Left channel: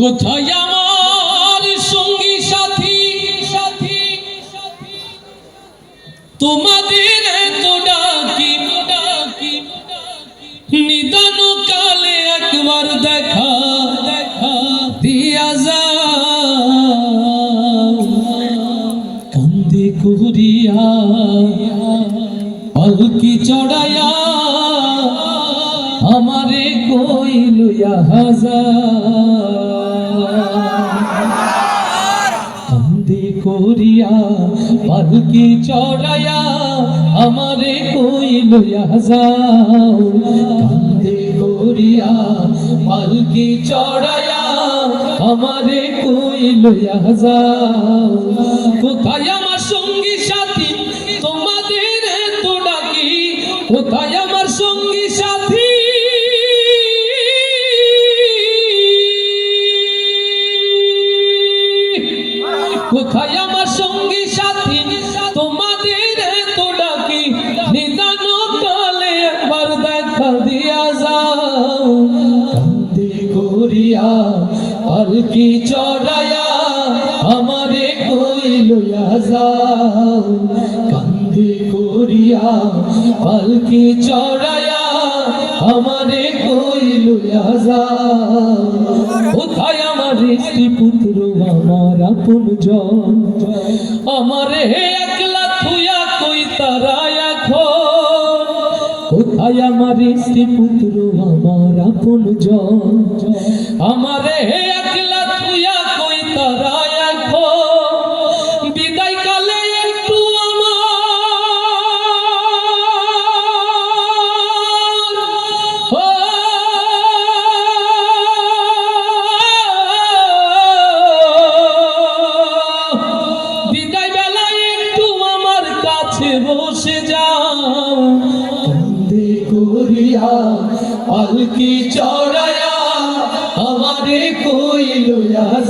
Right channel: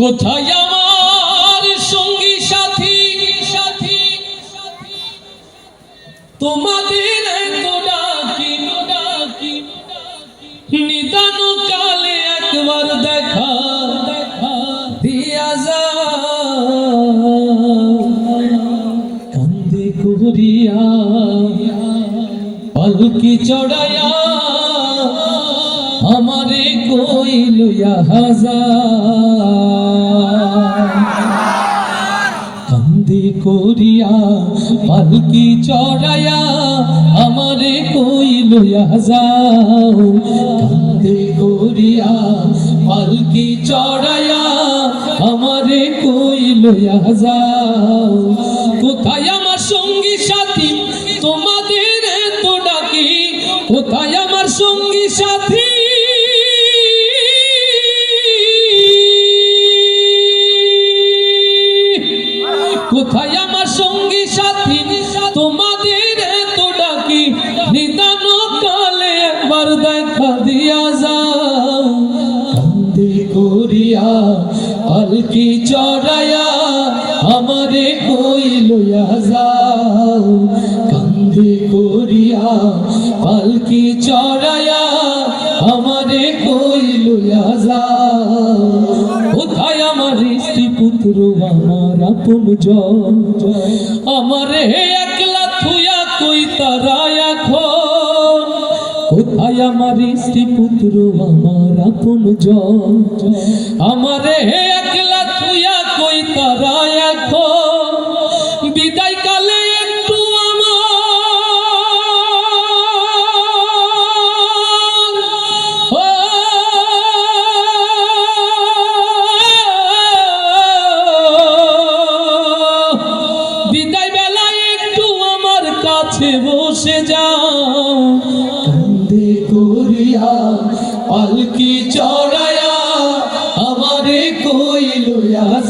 কোথায় আমার সঙ্গী সাথী সাথী তোমাদের তো ডাকি ডাকি নিদান কালে একবার দেখা দেখা দিয়া যাও কান্দে করিয়া পালকি চড়াইয়া আমারে কইল কান্দে করিয়া পালকি চড়াইয়া আমারে কইল কান্দে করিয়া পালকি চড়াইয়া আমারে কইল কোথায় আমার সঙ্গী সাথী তোমাদের তো ডাকি কোথায় আমার সঙ্গী সাথী কোথায় আমার সঙ্গী সাথী তোমাদের তো ডাকি নিদান কালে একবার দেখা দিয়া যাও কান্দে করিয়া পালকি চড়াইয়া আমারে কইল যাও কান্দে করিয়া পালকি চড়াইয়া আমারে কইল যাও কোথায় আমার স্ত্রী পুত্র আমার আপন জন আমারে একলা থুয়া কই তারা এখন কোথায় আমার স্ত্রী পুত্র আমার আপন জন আমারে একলা থুয়া কই তারা এখন বিদায় কালে একটু বিদায় বেলায় একটু আমার কাছে বসে যাও কান্দে করিয়া পালকি চড়াইয়া আমারে কইল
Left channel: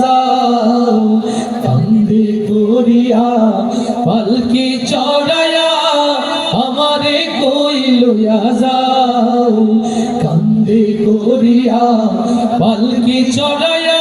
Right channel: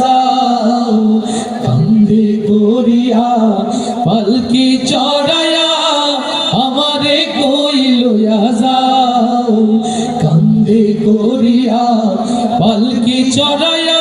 যাও কান্দে করিয়া পালকি চড়াইয়া আমারে কইল যাও কান্দে করিয়া পালকি চড়াইয়া